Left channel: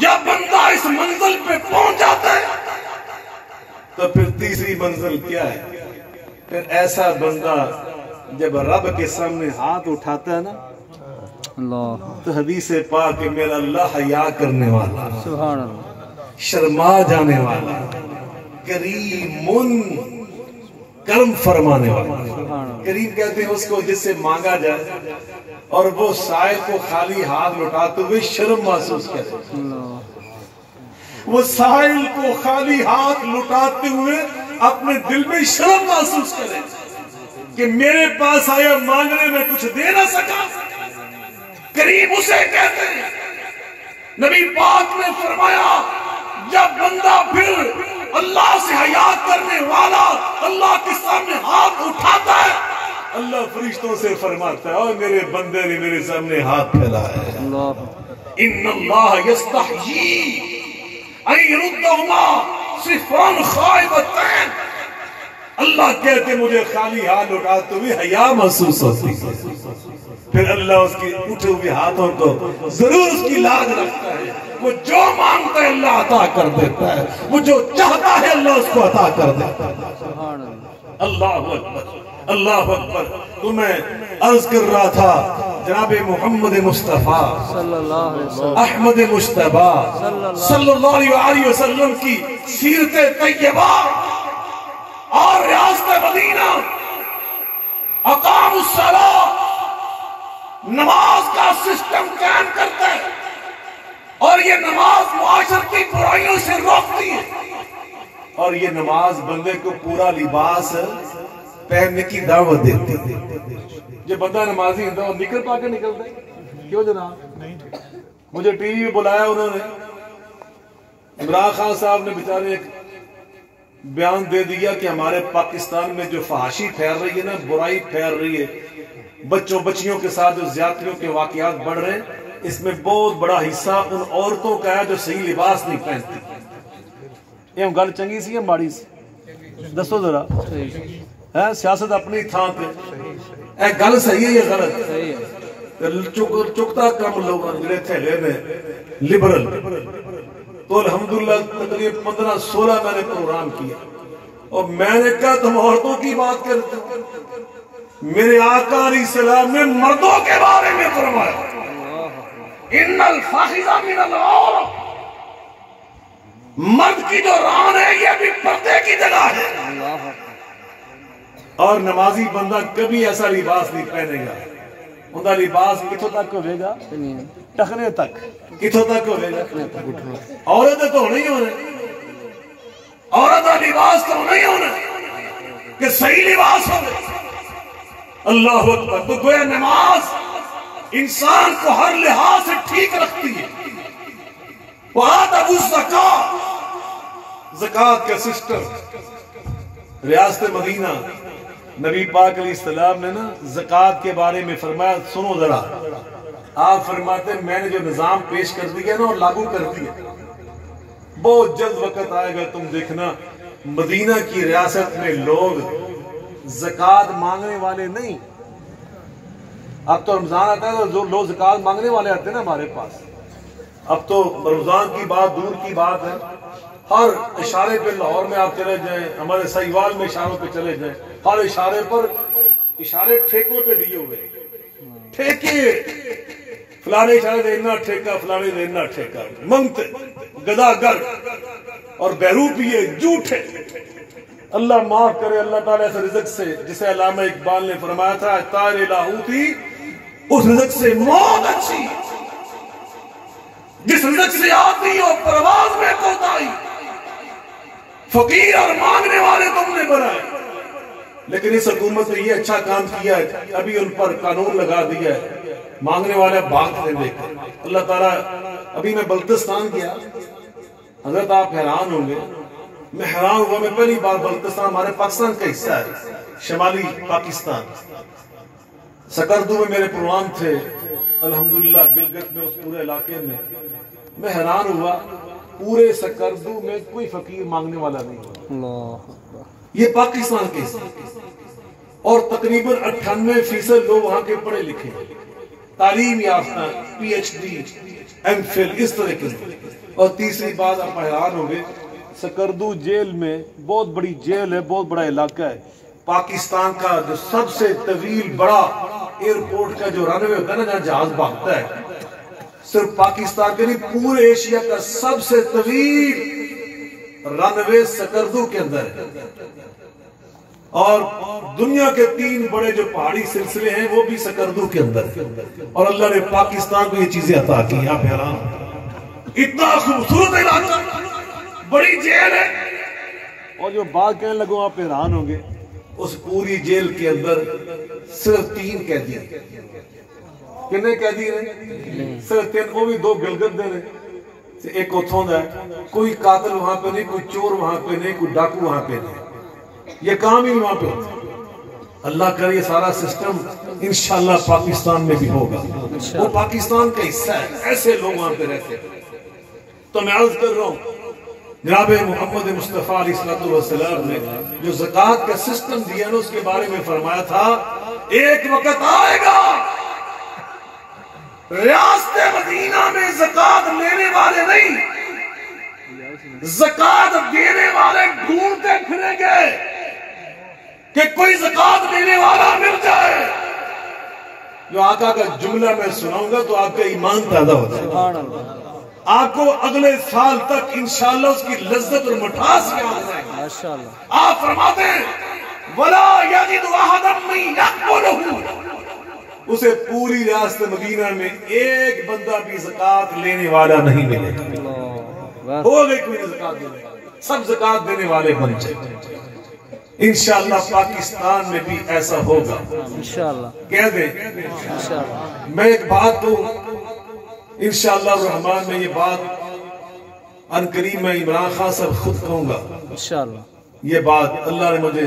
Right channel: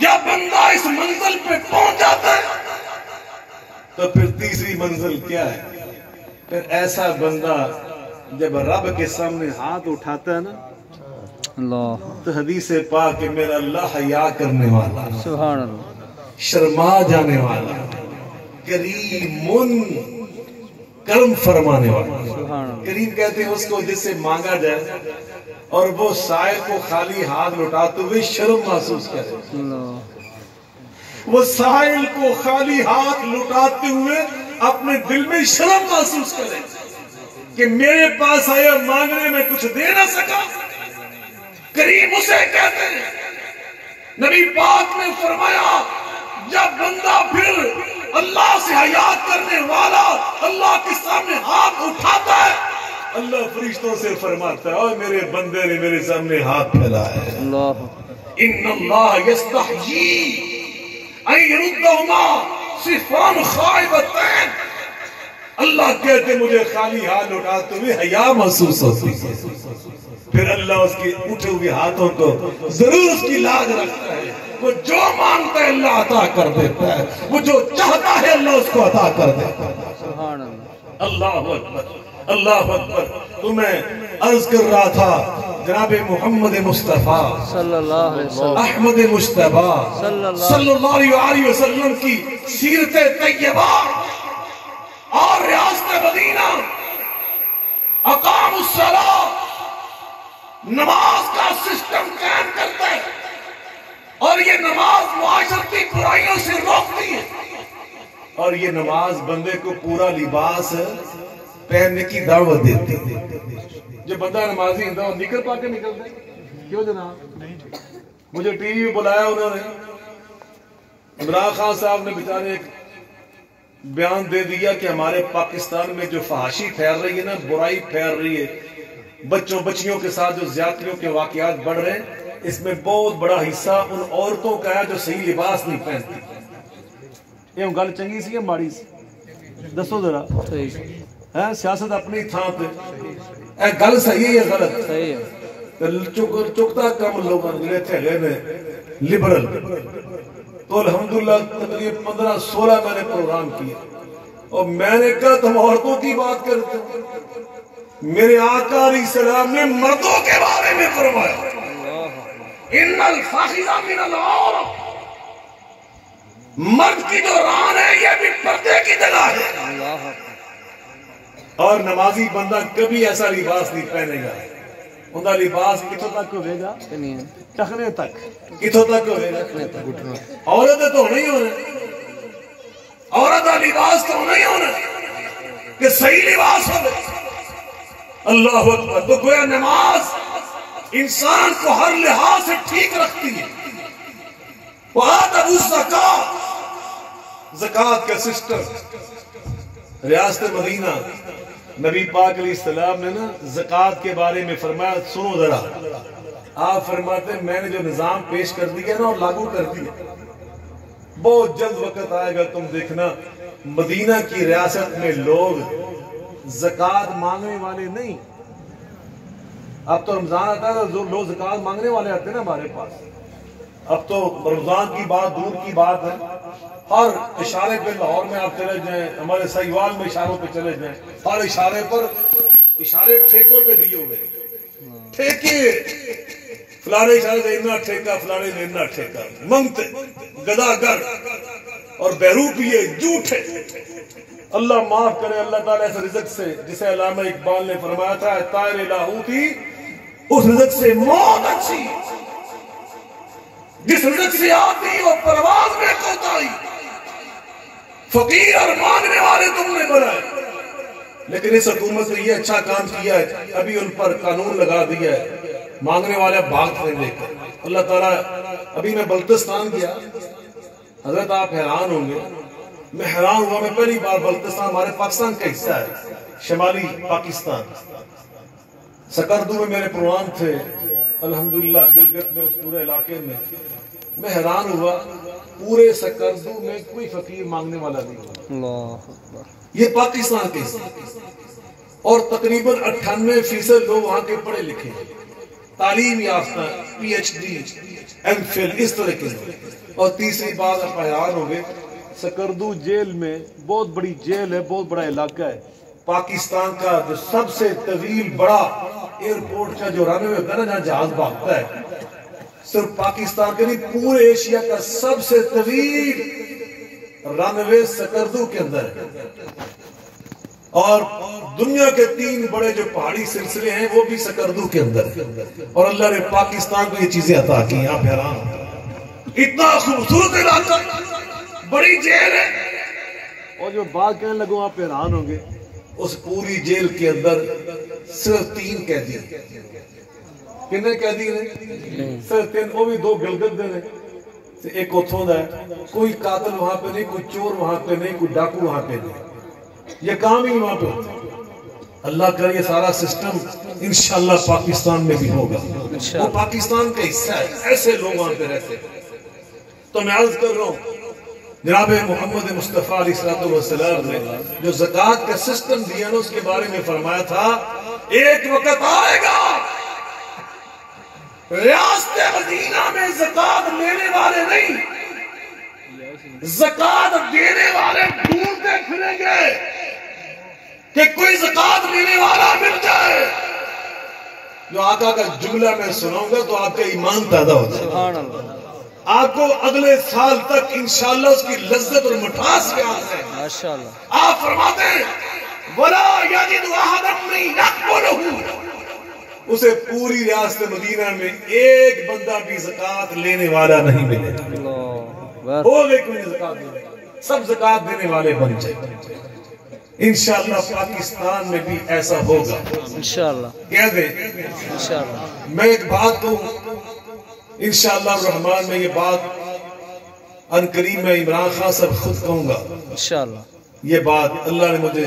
جب بندہ اس منزل پہ پہنچ جاتا ہے تو پھر تیسری منزل کیا ہے؟ پھر ایسا بندہ جب رب کے سامنے ہاتھ اٹھاتا ہے نا اللہ تو حدیث پاک کہ میرا اللہ حیا کرنے والا، سبحان اللہ، شرما جانے والا، کریم کرم فرمانے والا۔ سبحان اللہ، کریم کہتے ہیں اس کو جس سے مانگا جائے اور وہ سائل کو خالی ہاتھ لوٹاتے ہوئے شرم محسوس کرے، اللہ وہ سائل کو خالی ہاتھ لوٹاتے ہوئے اپنے دل میں شرم محسوس کرے کہ میرے پاس آیا مانگنے میں کچھ دے نہ سکا۔ کریم اسے کہتے ہیں۔ نبی پاک نے فرمایا جب بندہ پھر اللہ سے حیا کرنے والا اللہ کے سامنے ہاتھ اٹھاتا ہے، اللہ فرشتوں سے فرماتا ہے اور میرے بندے نے میرے سامنے ہاتھ پھیلایا ہے، اللہ ان اللہ یستحیی ان یردہما صفرا خائبتین۔ اللہ کہتے مجھے خالی ہاتھ اٹھاتے ہوئے حیا محسوس ہوتی ہے، پھر اللہ اس کے اٹھے ہوئے ہاتھوں کو ضرور اس کی لاج رکھتا ہے۔ وہ جو مانگتا ہے اللہ عطا کر دیتا ہے، وہ جو چاہتا ہے اللہ اس کو عطا کر دیتا ہے۔ سبحان اللہ، اللہ اکبر، اللہ اکبر۔ تو میں عرض کر رہا تھا جناب محمد مصطفیٰ صلی اللہ علیہ وسلم، احمد مجتبیٰ صلی اللہ علیہ وسلم کی سیرت طیبہ اور ریاست مدینہ اقام الصلاۃ، نماز کا سسٹم قائم کرتا ہے اور یہ نماز معاشرتی برائیوں سے روکتی ہے، اور یہ نماز بندے کو پورا لباس پہننے کی دعوت دیتی ہے۔ جو بندہ نمازی ہوتا ہے وہ نکل پا کے نکلتا ہے، کیوں جناب؟ مجھے ٹی وی بلایا انہوں نے، عمران خان صاحب نے بیچارے ایک بیان دے دیا کہ ہمارے پاکستان میں جو فحاشی پھیل رہی ہے نا، برائی پھیل رہی ہے، بچوں بچیوں کے ساتھ جو زیادتیوں کے واقعات بڑھ رہے ہیں، اس میں بہت بڑا حصہ ان عورتوں کا ہے جو صحیح لباس نہیں پہنتی۔ یہ گل چنگی سی یا ماڑی سی؟ دسو ذرا، ہے سیاست اپنی تھان پہ، اے گل صحیح ہے یا غلط؟ چکتا کم لوگ میرے تھیلے میں لبرل، تو الحمدللہ تقریباً 15-16 میں نے پروگرام کیا اور میں نے کہا تم عورتوں کی بات کرتے ہو، میرے آقا علیہ السلام نے مردوں کے بارے میں فرمایا ان الفاخذ من العورۃ، مرد کی جو ران ہے یہ بھی پردے کی جگہ ہے، اور نمازی بندہ کبھی ایسا لباس نہیں پہنے گا، ان کا لباس کتوں تک ہوئے گا؟ ٹخنے تک۔ کتوں تک ہوئے گا؟ عورتیں تو نہیں ہونے، عورت کا لباس تو نہیں ہونا کہ صحیح لباس ہو۔ اللہ اکبر۔ تو گویا نماز انسان کو ہر لحاظ سے ٹھیک رکھتی ہے۔ وآتوا الزکاۃ، زکوٰۃ کا سسٹم ریاست مدینہ، نبی پاک علیہ السلام نے نا زکوٰۃ کے بارے میں فرمایا، سنو ذرا، آپ فرماتے ہیں میں نے جو نظام پیش کر دیا نا اور لاگو کر دیا، بہت جلد وقت آئے گا تم دیکھنا مدینہ کی ریاست میں لوگ زکوٰۃ مانگنے والے نہیں، اب تو رمضان آتا ہے تو لوگ زکوٰۃ مانگنے والے آتے ہیں نا ہمارے پاس، اب تو رمضان کی بات دور کی بات ہے، ہر اشارے پہ لاہور میں آپ چلے جائیں، ہمارے سہیوال میں اشاروں پہ چلے جائیں، ہر اشارے پر اشارے ٹھیکوں پہ دیے ہوئے، ٹھیکے فلانے اشارے سے اتنا ٹھیکہ، فلانے سے اتنا ٹھیکہ، منگتے گداگر اور بیروپیے جھوٹے۔ اللہ معاف کرے، اللہ تعالیٰ اس رزق سے، جسے علامہ اقبال نے فرمایا تھا طائر لاہوتی، اس رزق سے موت اچھی، جس رزق سے آتی ہو پرواز میں کوتاہی، فقیر اور مانگنے والے تم نے بنائے۔ لیکن اس حکومت نے یہ اچھا کام کیا ہے، ابھی ان پر قانون لگا دیا ہے، مانگنے والے بھاگتے دیکھ کر۔ اللہ تعالیٰ، ابھی میں بلتستان گیا، حضرت آپ حیران ہوں گے، میں حیران ہوا، میں پہلی بار بلتستان ہمارے پاکستان کا حصہ ہے، شمالی پاکستان، سکردو میں میرے پروگرام تھے، الحمدللہ گلگت میں، اس پورے علاقے میں حیران ہوا، پورے سکردو میں کوئی فقیر مانگنے والا نہیں، اللہ، یہ پاکستان کے حصہ، اور تقریباً 98% لوگ وہاں کے پڑھے لکھے ہیں، تعلیم یافتہ PhD MPhil اس طرح کے. اور تیسری بات آپ حیران ہوں گے، سکردو جیل میں بہت بڑی جیل ہے، بہت بڑا علاقہ ہے، پاکستان کا جو سب سے طویل بڑا ایئرپورٹ کا جو رن وے ہوتا ہے نا جہاں جہاز بھاگتا ہے، صرف پاکستان کے نہیں پورے ایشیا کا سب سے طویل رن وے سکردو کے اندر ہے. اور دنیا کے 3 بڑے جو پہاڑی سلسلے ہیں وہ بھی سکردو کے اندر ہے. اور اللہ نے پاکستان کو یہ چیزیں عطا کی ہیں. آپ حیران اتنا خوبصورت علاقہ، بڑی جیل ہے. اور جو بات کہنے لگوں آپ حیران ہوں گے، اس پوری جیل کے اندر صرف 3 قیدی ہیں. کتنے قیدی ہیں؟ صرف 3. وہ بھی 2 گلگت دے ہیں، ایک اتھوں دا ہے. کوئی قاتل وہاں پہ نہیں، کوئی چور وہاں پہ نہیں، کوئی ڈاکو وہاں پہ نہیں. یہ کام ہی وہاں پہ ہوتا ہے. اللہ کرے یہ سارا سسٹم انشاءاللہ پاکستان میں بھی ہوگا. وہ پاکستان کا حصہ ہے، ایسے لوگ وہاں پہ رہتے ہیں. تو میں عرض کر رہا ہوں، جناب محمد مصطفیٰ علیہ السلام نے جو زکوٰۃ کا سسٹم دیا نا، اس کے بارے میں فرمایا تھا ایک وقت آئے گا ریاست مدینہ میں زکوٰۃ لینے والے نہیں، زکوٰۃ دینے والے ڈھونڈتے پھریں گے کہ کوئی زکوٰۃ لینے والا مل جائے. جو آقا کا جملہ میں سناؤں گا تو آپ کا ایمان تازہ ہو جائے. سبحان اللہ. آپ کو اگلے سال تک انشاءاللہ اس کی لذت اور مٹھاس یاد رہے گی. ماشاءاللہ. آپ فرماتے ہیں وَلَا يَجِدُ أَحَدًا مِّن يَقْبُلُهُ، اسے پوری ریاست مدینہ میں ایک بندہ بھی زکوٰۃ لینے والا نہیں ملے گا. اللہ ہو گئی کوئی زکوٰۃ دینے والا، سب زکوٰۃ دینے والے بن جائے. انشاءاللہ پاکستان میں بھی ایسا ہوگا انشاءاللہ. کہہ دیں. انشاءاللہ. میں ایک بات کہوں، انشاءاللہ الرحمن میں یہ بات عنقریب میں عمران خان صاحب خود کہوں گا. انشاءاللہ. یہ بات اللہ نے مجھے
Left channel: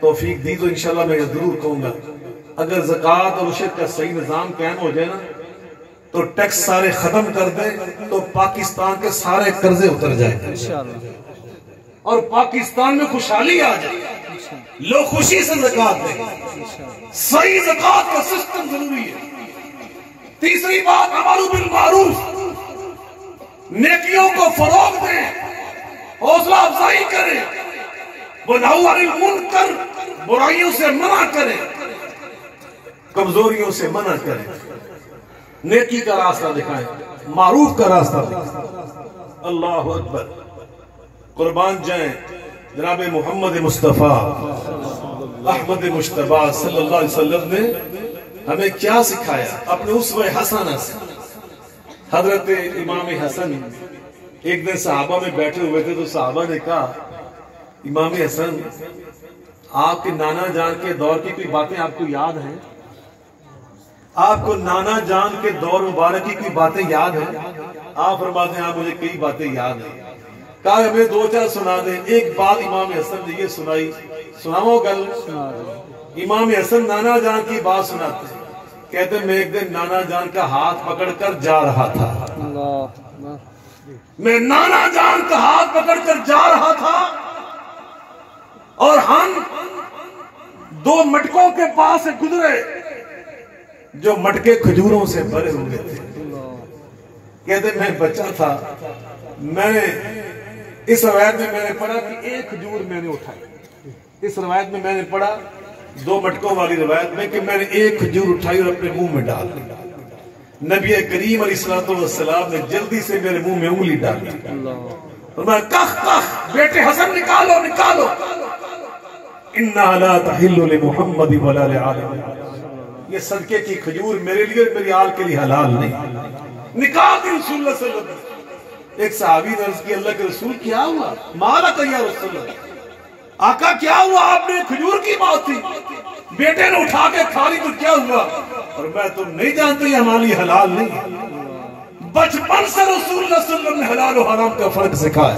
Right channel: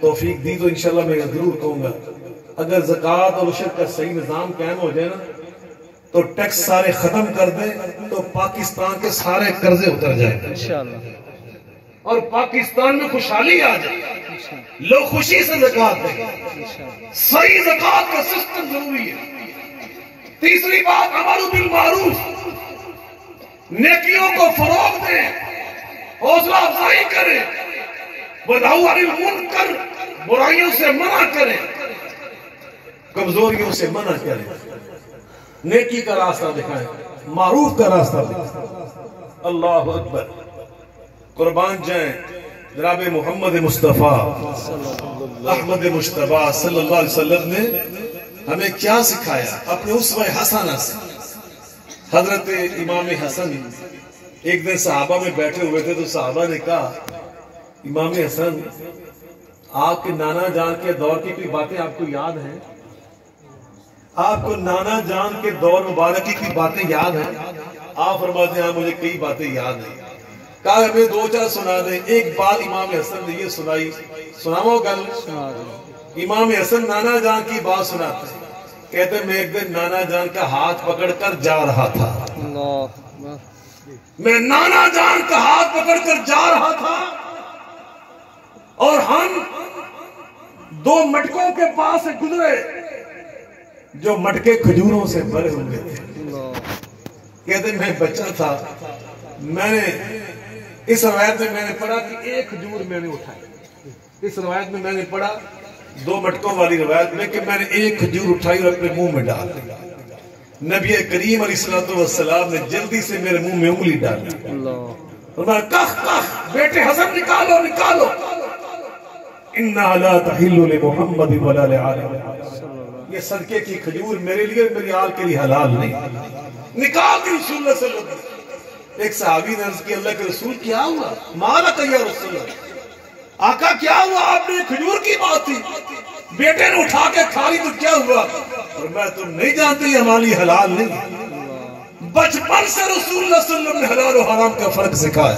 توفیق دی تو انشاءاللہ میں یہ ضرور کہوں گا. اگر زکوٰۃ اور عشر کا صحیح نظام قائم ہو جائے نا تو ٹیکس سارے ختم کر دیں تو پاکستان کے سارے قرضے اتر جائیں گے انشاءاللہ. اور پاکستان میں خوشحالی آ جائے. لوگ خوشی سے زکوٰۃ دیں. صحیح زکوٰۃ کا سسٹم ضروری ہے. تیسری بات امر بالمعروف، نیکیوں کو فروغ دیں، حوصلہ افزائی کریں، ونہی عن المنکر، برائیوں سے منع کریں، کمزوریوں سے منع کریں، نیکی کا راستہ دکھائیں، معروف کا راستہ دکھائیں. اللہ اکبر. قربان جائیں جناب محمد مصطفیٰ احمد مجتبیٰ صلی اللہ علیہ وسلم نے ہمیں کیا سکھایا اپنے اسوہ حسنہ سے. حضرت امام حسن ایک دن صحابہ میں بیٹھے ہوئے تھے تو صحابہ نے کہا امام حسن آپ کے نانا جان کے دور کی کوئی باتیں آپ کو یاد ہیں؟ آپ کو نانا جان کے دور مبارک کی کوئی باتیں یاد ہیں؟ آپ فرماتے ہیں ہاں مجھے کئی باتیں یاد ہیں. کہا ہمیں 2-4 سنا دیں. ایک بات امام حسن نے یہ سنائی، سناؤ گل. امام حسن نانا جان کی بات سناتے ہیں، کہتے ہیں میں ایک دن نانا جان کا ہاتھ پکڑ کر جا رہا تھا. میں نانا جان کا ہاتھ پکڑ کر جا رہا تھا اور ہم 2 مٹکوں کے پاس سے گزرے جو مٹکے کھجوروں سے بھرے ہوئے تھے. کہتے ہیں میں بچہ تھا، میں نے اس روایت میں میں نے پڑھا کہ ایک کھجور میں نے اٹھائی. اس روایت میں میں نے پڑھا 2 مٹکوں والی روایت میں کہ میں نے ایک کھجور اٹھائی اور اپنے منہ میں ڈال دی. نبی کریم علیہ السلام نے جلدی سے میرے منہ میں انگلی ڈالی اور میں کخ کخ بیٹے حسن نکالو نکالو. اِنَّا لَا تَحِلُّ لِمُحَمَّدٍ وَلَا لِعَالٍ، یہ صدقے کی کھجور میرے لیے اور میری آل کے لیے حلال نہیں. نکال دی رسول اللہ صلی اللہ علیہ وسلم. ایک صحابی نے عرض کی اللہ کے رسول کیا ہوا؟ مالا کیا رسول اللہ، آقا کیا ہوا؟ آپ نے کھجور کی بات تھی، بیٹے نے اٹھا کے کھا لی تو کیا ہوا؟ اور میں تم نہیں جانتے یہ ہماری حلال نہیں. بچپن سے رسول اللہ صلی اللہ علیہ وسلم نے حلال و حرام کا فرق سکھایا.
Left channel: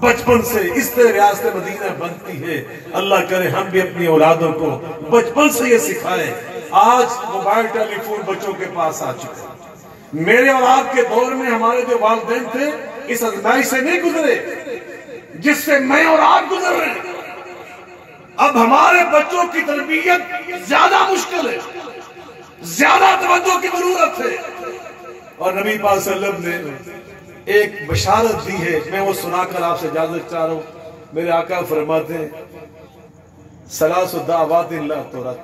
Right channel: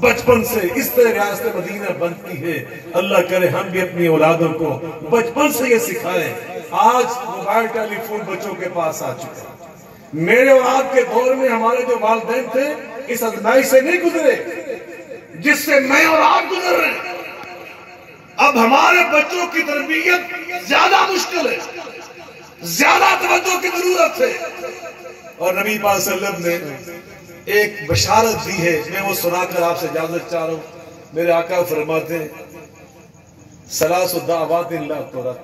بچپن سے اس طرح ریاست مدینہ بنتی ہے. اللہ کرے ہم بھی اپنی اولادوں کو بچپن سے یہ سکھائیں. آج موبائل ٹیلی فون بچوں کے پاس آ چکے. میرے اور آپ کے دور میں ہمارے جو والدین تھے اس آزمائش سے نہیں گزرے جس سے میں اور آپ گزر رہے ہیں. اب ہمارے بچوں کی تربیت زیادہ مشکل ہے. زیادہ توجہ کی ضرورت ہے۔ اور نبی پاک صلی اللہ علیہ وسلم نے ایک بشارت دی ہے، میں وہ سنا کر آپ سے اجازت چاہ رہا ہوں۔ میرے آقا فرماتے ہیں ثلاث دعوات لا ترد،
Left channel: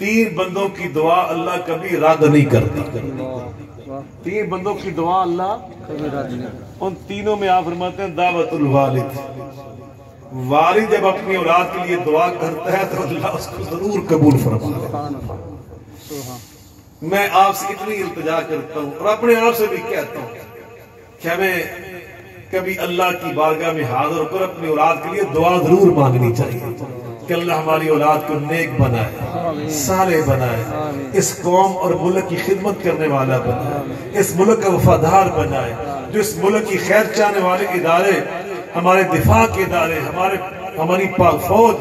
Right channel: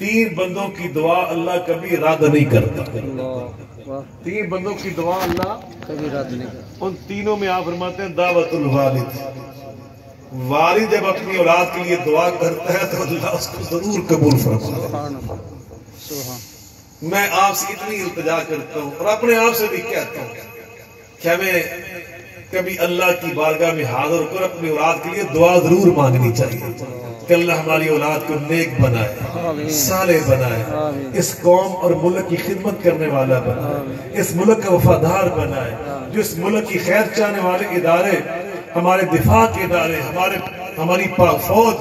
3 بندوں کی دعا اللہ کبھی رد نہیں کرتا۔ 3 بندوں کی دعا اللہ کبھی رد نہیں کرتا۔ ان تینوں میں آپ فرماتے ہیں دعوت الوالد، والد جب اپنی اولاد کے لیے دعا کرتا ہے تو اللہ اس کو ضرور قبول فرماتا ہے۔ سبحان اللہ، سبحان۔ میں آپ سے اتنی التجا کرتا ہوں اور اپنے آپ سے بھی کہتا ہوں کہ ہمیں کبھی اللہ کی بارگاہ میں حاضر ہو کر اپنی اولاد کے لیے دعا ضرور مانگنی چاہیے کہ اللہ ہماری اولاد کو نیک بنائے، صالح بنائے، اس قوم اور ملک کی خدمت کرنے والا بنائے، اس ملک کا وفادار بنائے، جو اس ملک کی خیر چاہنے والے ادارے، ہمارے دفاع کے ادارے، ہماری پاک فوج۔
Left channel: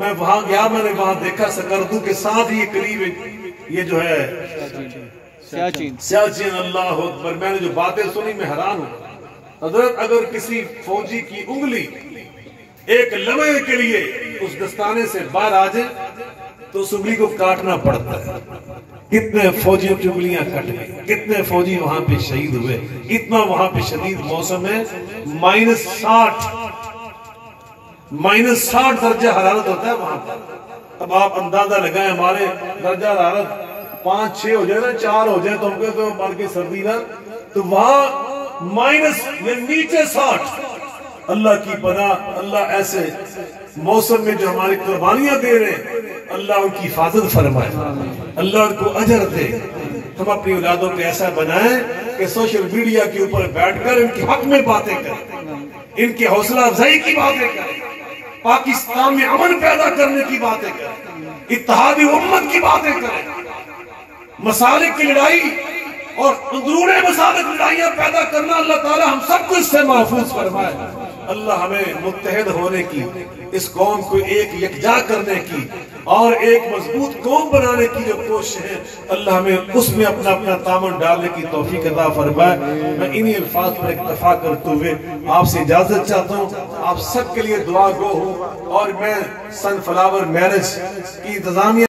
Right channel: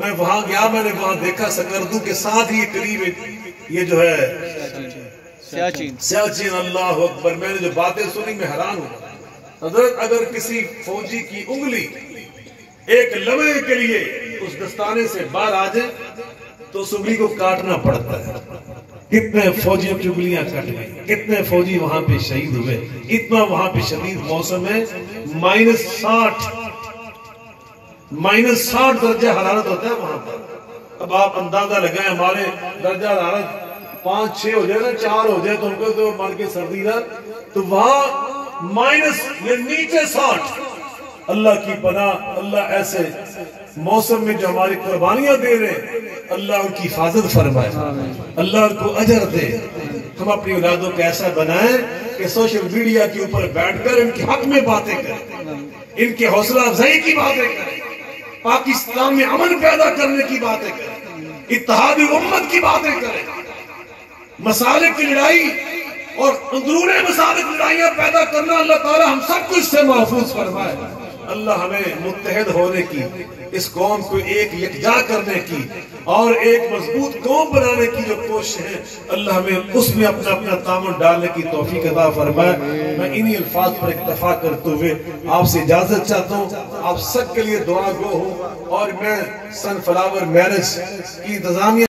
میں وہاں گیا، میں نے وہاں دیکھا سکردو کے ساتھ ہی قریب یہ جو ہے سیاچین، اللہ اکبر۔ میں نے جو باتیں سنی میں حیران ہوں۔ حضرت اگر کسی فوجی کی انگلی ایک لمحے کے لیے اس دستانے سے باہر آ جائے تو اس انگلی کو کاٹنا پڑتا ہے۔ کتنے فوجیوں کی انگلیاں کٹ گئی، کتنے فوجی وہاں پہ شہید ہوئے، اتنا وہاں پہ شدید موسم ہے، -60 درجہ حرارت ہوتا ہے وہاں پر۔ اب آپ اندازہ لگائیں، ہمارے درجہ حرارت 5-6 ہو جائے نا، 4 ہو جائے تو ہم کہتے ہیں مر کے سردی نہ، تو وہاں نیچے 60۔ اللہ کی پناہ، اللہ ایسے موسم میں جو ہماری قربانیاں دے رہے ہیں، اللہ ان کی حفاظت فرمائے، اللہ ان کو اجر دے۔ ہم اپنی اولادوں کو ایسا بنائیں کہ سوشل میڈیا کے اوپر بیٹھ کر ان کے حق میں باتیں کریں، ان کے حوصلہ افزائی کی باتیں کریں، پاکستان میں امن پیدا کرنے کی باتیں کریں، اتحادی امت کی باتیں کریں، مسالک کی لڑائی اور اندرون مسالک لڑائیاں پیدا کرنا، اللہ تعالی ہم سب کو اس سے محفوظ فرمائے۔ اللہ ہمیں متحد ہونے کی، اس قوم کو ایک یکجا کرنے کی اور ایک مضبوط قوم بنانے کی جو کوشش ہے، اللہ ہمیں اس میں اپنا اپنا تعاون ڈالنے کی توفیق عطا فرمائے۔ میں انہی الفاظ پر اکتفا کرتے ہوئے آپ سے اجازت چاہتا ہوں۔ آپ سب کے لیے دعا گو ہوں، اور میں سن فلاور میرج کی انتظامیہ